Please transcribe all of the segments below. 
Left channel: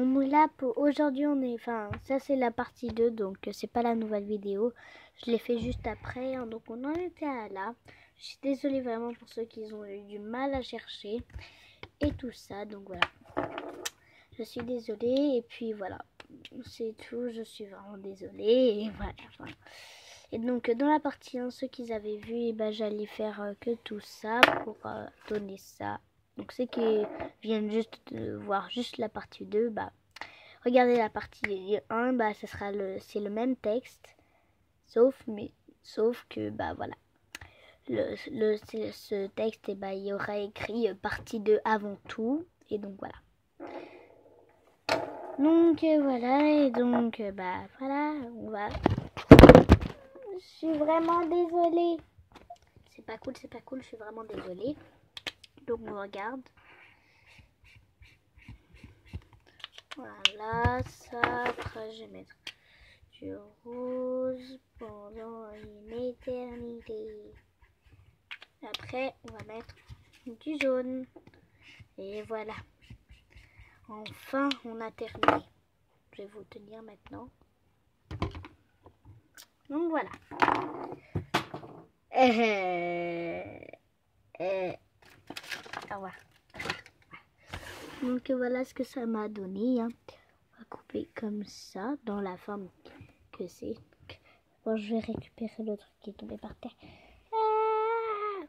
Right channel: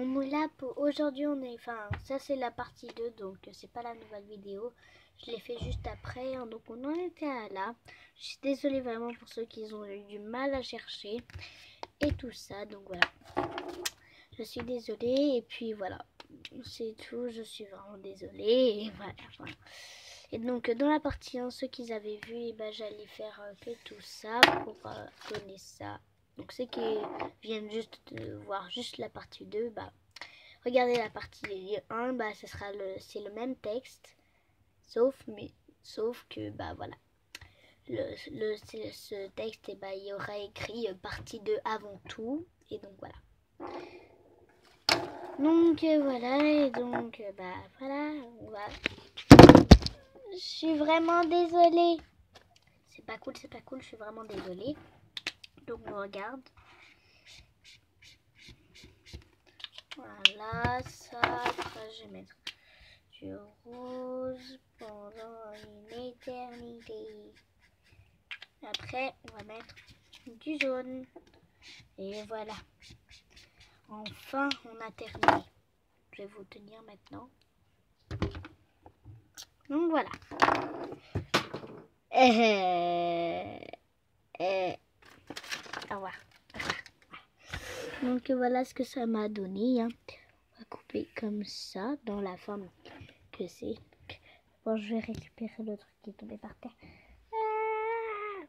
On est là pour aujourd'hui, enfin ça c'est la partie 2, donc c'est pas la nouvelle vidéo. Je l'ai fait juste après, hein, donc on en était à là. Je suis désolée vraiment pour ceux qui ont eu du mal à chercher et tout ça, donc voilà. Je suis désolée et puis voilà, c'est tout, je suis vraiment désolée et voilà. Et donc dans la partie 1, ceux qui avaient vu, et ben, j'allais faire que tout ça pour donner ça. Donc ceux qui viennent juste de voir juste la partie 2, bah regardez la partie 1, bah c'est le même texte, sauf que bah voilà. Ce texte, et bah, il y aura écrit partie 2 avant tout, et donc voilà. Donc voilà, et donc bah voilà, on va. Je suis vraiment désolée. C'est pas cool, je suis vraiment désolée. Donc on regarde. Voilà, ça, après je vais mettre du rose pendant une éternité. Après, on va mettre du jaune. Et voilà. Enfin, on a terminé. Je vais vous tenir maintenant. Donc voilà. Au revoir. Donc voilà ce que ça m'a donné. Hein. On va couper comme ça, dans la forme que c'est. Bon, je vais récupérer le truc qui est tombé par terre. Ah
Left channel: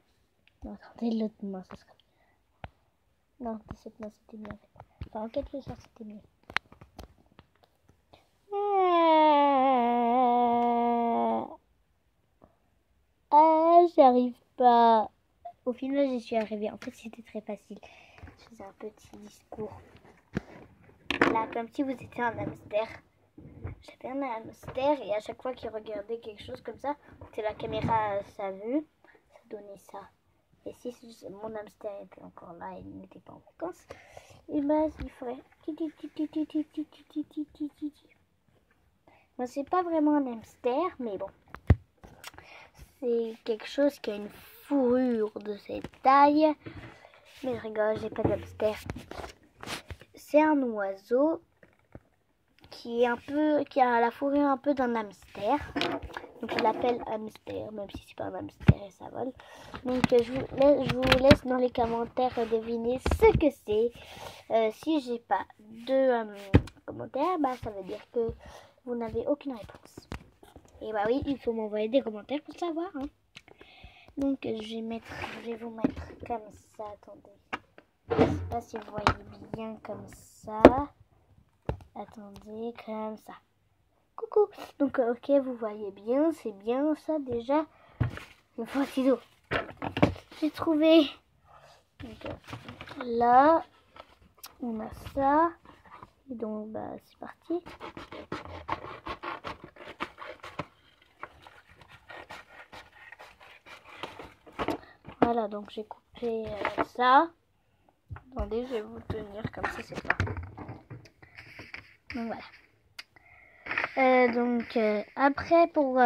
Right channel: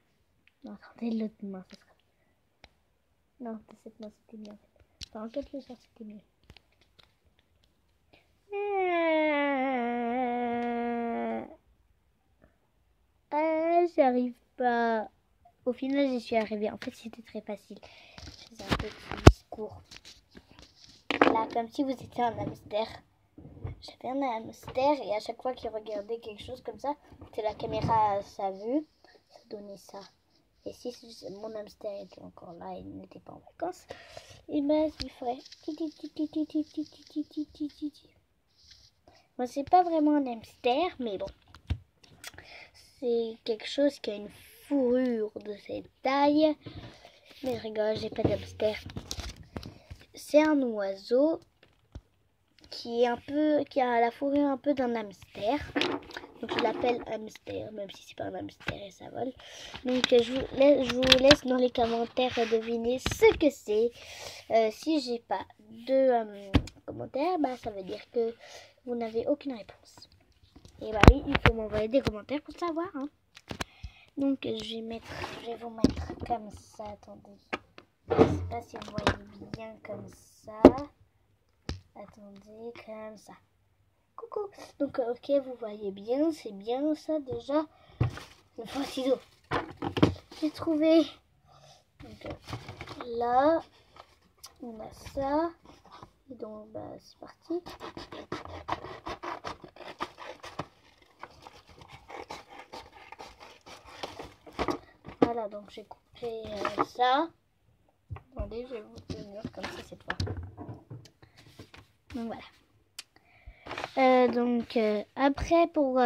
non, attendez, l'autre main, ça sera... Non, de cette main, c'était mieux. Enfin, en quelque sorte, c'était mieux. J'arrive pas. Au final, j'y suis arrivée. En fait, c'était très facile. Je faisais un petit discours. Là, comme si vous étiez un hamster. J'avais un hamster et à chaque fois qu'il regardait quelque chose comme ça, que la caméra a sa vue, ça donnait ça. Et si mon hamster était encore là et n'était pas en vacances, et ben il ferait Moi, c'est pas vraiment un hamster, mais bon. C'est quelque chose qui a une fourrure de cette taille. Mais je rigole, j'ai pas d'hamster. C'est un oiseau qui a la fourrure un peu d'un hamster. Donc je l'appelle hamster, même si c'est pas un hamster et ça vole. Donc je vous laisse dans les commentaires deviner ce que c'est. Si j'ai pas de commentaires, bah ça veut dire que vous n'avez aucune réponse. Et bah oui, il faut m'envoyer des commentaires pour savoir. Hein. Donc je vais vous mettre comme ça. Attendez. Je sais pas si vous voyez bien comme ça. Attendez, comme ça. Coucou. Donc ok, vous voyez bien, c'est bien ça déjà. Le faux ciseau. J'ai trouvé. Donc là, on a ça. Et donc bah c'est parti. Voilà, donc j'ai coupé ça. Attendez, je vais vous tenir comme ça, c'est pas. Donc voilà. Après, pour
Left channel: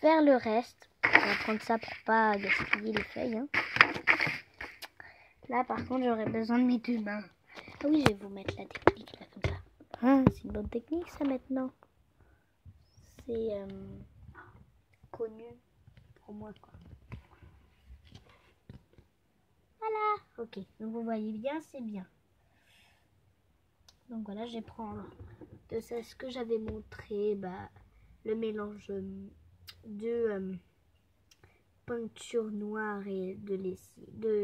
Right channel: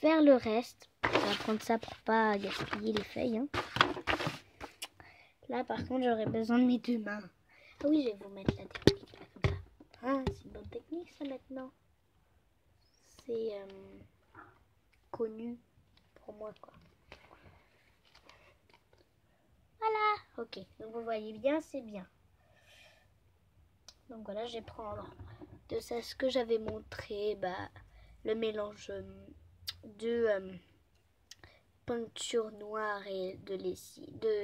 faire le reste, on va prendre ça pour pas gaspiller les feuilles. Hein. Là, par contre, j'aurais besoin de mes deux mains. Ah oui, je vais vous mettre la technique là comme ça. Hein, c'est une bonne technique ça maintenant. C'est connu pour moi quoi. Voilà, ok. Donc vous voyez bien, c'est bien. Donc voilà, je vais prendre de ça ce que j'avais montré, bah, le mélange de peinture noire et de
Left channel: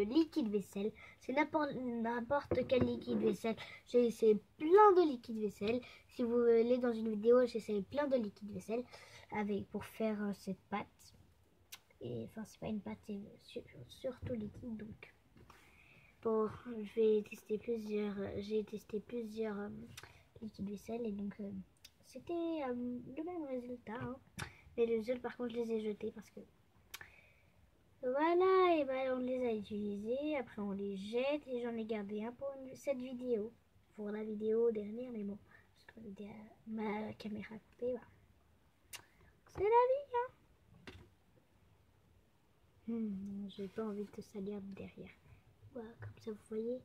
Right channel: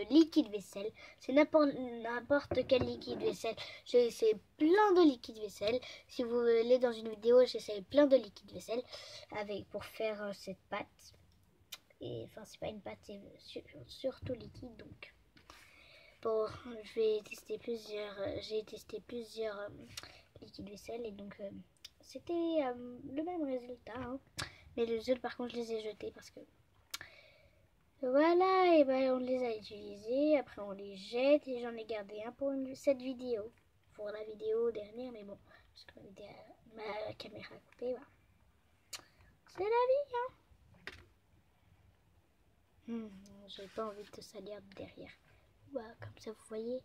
liquide vaisselle. C'est n'importe quel liquide vaisselle. J'ai essayé plein de liquide vaisselle. Si vous voulez dans une vidéo, j'ai essayé plein de liquide vaisselle pour faire cette pâte. Et enfin, c'est pas une pâte, c'est surtout liquide donc. Bon, j'ai testé plusieurs liquides vaisselle et donc c'était le même résultat. Hein. Mais les autres, par contre, je les ai jetés parce que voilà, et ben on les a utilisés. Après, on les jette et j'en ai gardé un pour cette vidéo, pour la vidéo dernière. Mais bon, parce que ma caméra a coupé, bah. C'est la vie. Hein. J'ai pas envie de te salir derrière. Voilà, comme ça, vous voyez.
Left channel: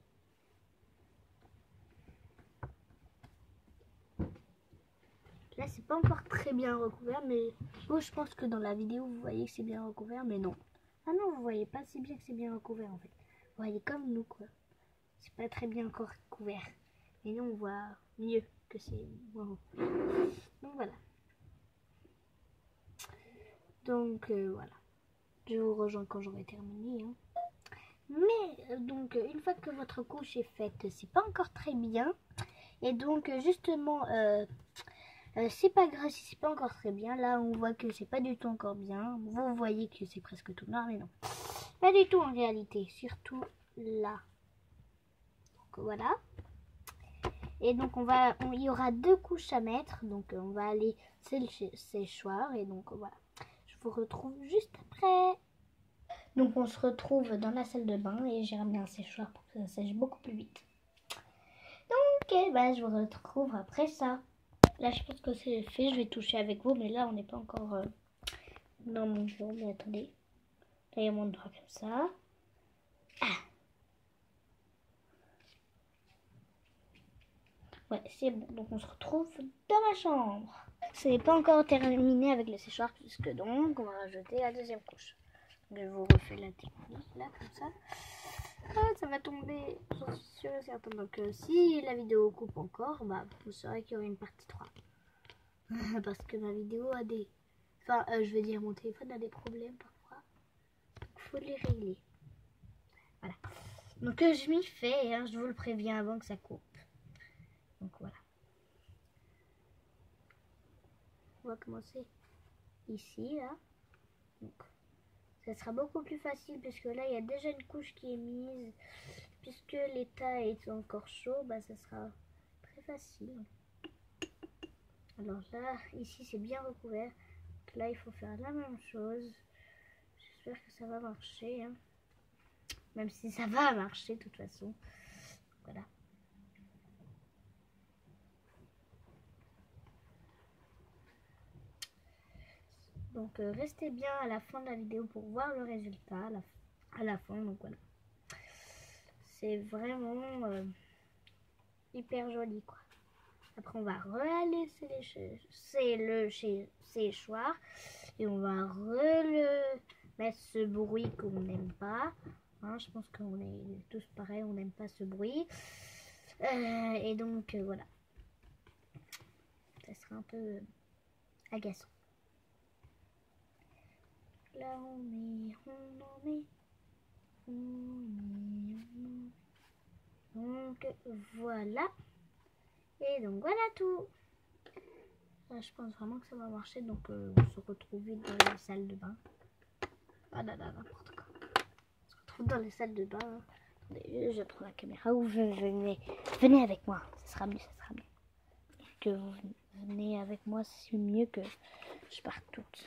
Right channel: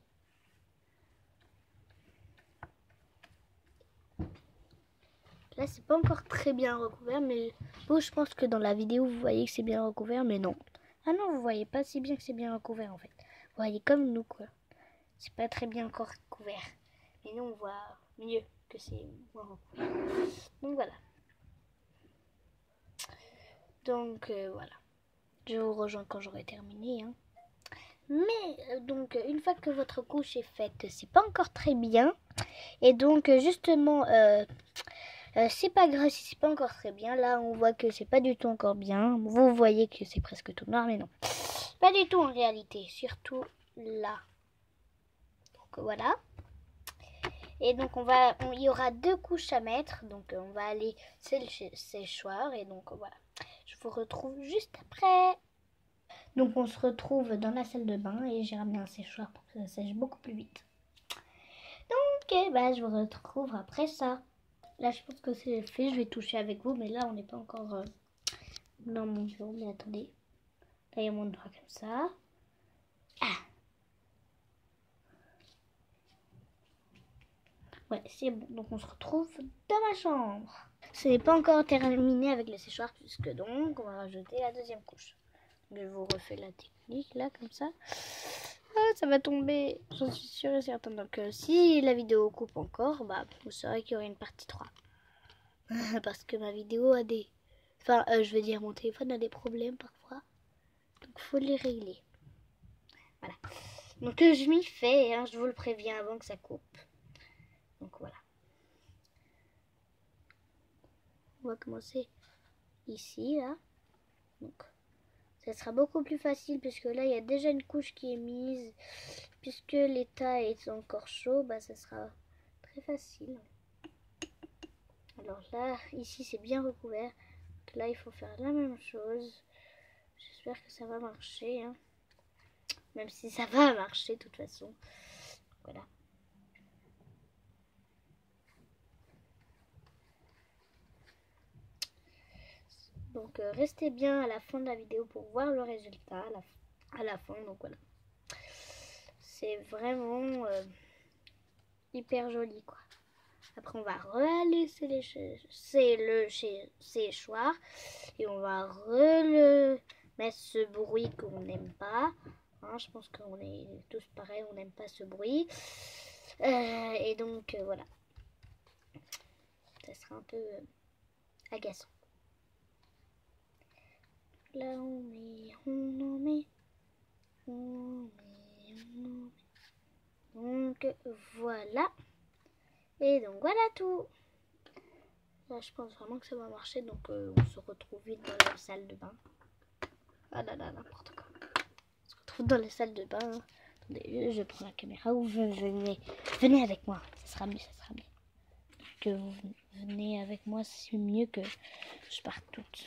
c'est pas encore très bien recouvert, mais bon, je pense que dans la vidéo, vous voyez que c'est bien recouvert, mais non. Ah non, vous voyez pas si bien que c'est bien recouvert, en fait. Vous voyez comme nous, quoi. C'est pas très bien encore couvert. Mais nous, on voit mieux que c'est moins recouvert. Donc, voilà. Donc, voilà. Je vous rejoins quand j'aurai terminé, hein. Mais, donc, une fois que votre couche est faite, c'est pas encore très bien. Et donc, justement... c'est pas grave si c'est pas encore très bien. Là, on voit que c'est pas du tout encore bien. Vous voyez que c'est presque tout noir, mais non. Pas du tout en réalité. Surtout là. Donc voilà. Et donc, il y aura 2 couches à mettre. Donc, on va aller séchoir. Et donc, voilà. Je vous retrouve juste après. Donc, on se retrouve dans la salle de bain. Et j'ai ramené un séchoir pour que ça sèche beaucoup plus vite. Donc, je vous retrouve après ça. Là, je pense que c'est fait. Je vais toucher avec vous, mais là, on n'est pas encore dans mon bureau. Mais attendez. Là, il y a mon doigt comme ça. Ah. Ouais, c'est bon. Donc, on se retrouve dans ma chambre. Ce n'est pas encore terminé avec le séchoir, puisque donc, on va rajouter la 2e couche. Donc, je vous refais la technique, là, comme ça. Ah, ça va tomber. J'en suis sûre et certaine. Donc, si la vidéo coupe encore, vous saurez qu'il y aura une partie 3. Parce que ma vidéo a des... Enfin, je veux dire, mon téléphone a des problèmes parfois. Donc, faut les régler. Voilà. Donc, je m'y fais, hein, je vous le préviens avant que ça coupe. Donc, voilà. On va commencer ici, là. Donc, ça sera beaucoup plus facile puisque là, il y a déjà une couche qui est mise. Puisque l'état est encore chaud, ça sera très facile. Alors là, ici, c'est bien recouvert. Donc là, il faut faire la même chose. J'espère que ça va marcher. Hein. Même si ça va marcher, de toute façon. Voilà. Donc, restez bien à la fin de la vidéo pour voir le résultat. À la fin, donc voilà. C'est vraiment hyper joli, quoi. Après, on va aller le séchoir. Et on va mettre ce bruit qu'on n'aime pas. Hein, je pense qu'on est tous pareils, on n'aime pas ce bruit. Et donc, voilà. Ça sera un peu agaçant. Là, on en met. Donc, voilà. Et donc, voilà tout. Là, je pense vraiment que ça va marcher. Donc, on se retrouve vite dans la salle de bain. Ah là là, n'importe quoi. On se retrouve dans la salle de bain. Attendez, je prends la caméra ou venez avec moi. Ça sera mieux, ça sera mieux. Que vous venez avec moi, c'est mieux que je parte toute.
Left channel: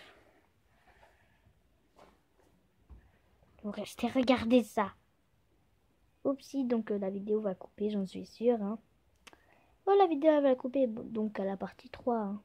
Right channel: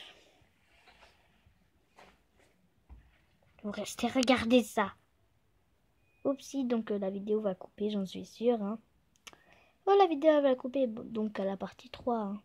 Vous restez, regardez ça. Oupsie, donc la vidéo va couper, j'en suis sûre. Hein. Oh, la vidéo va couper, donc à la partie 3. Hein.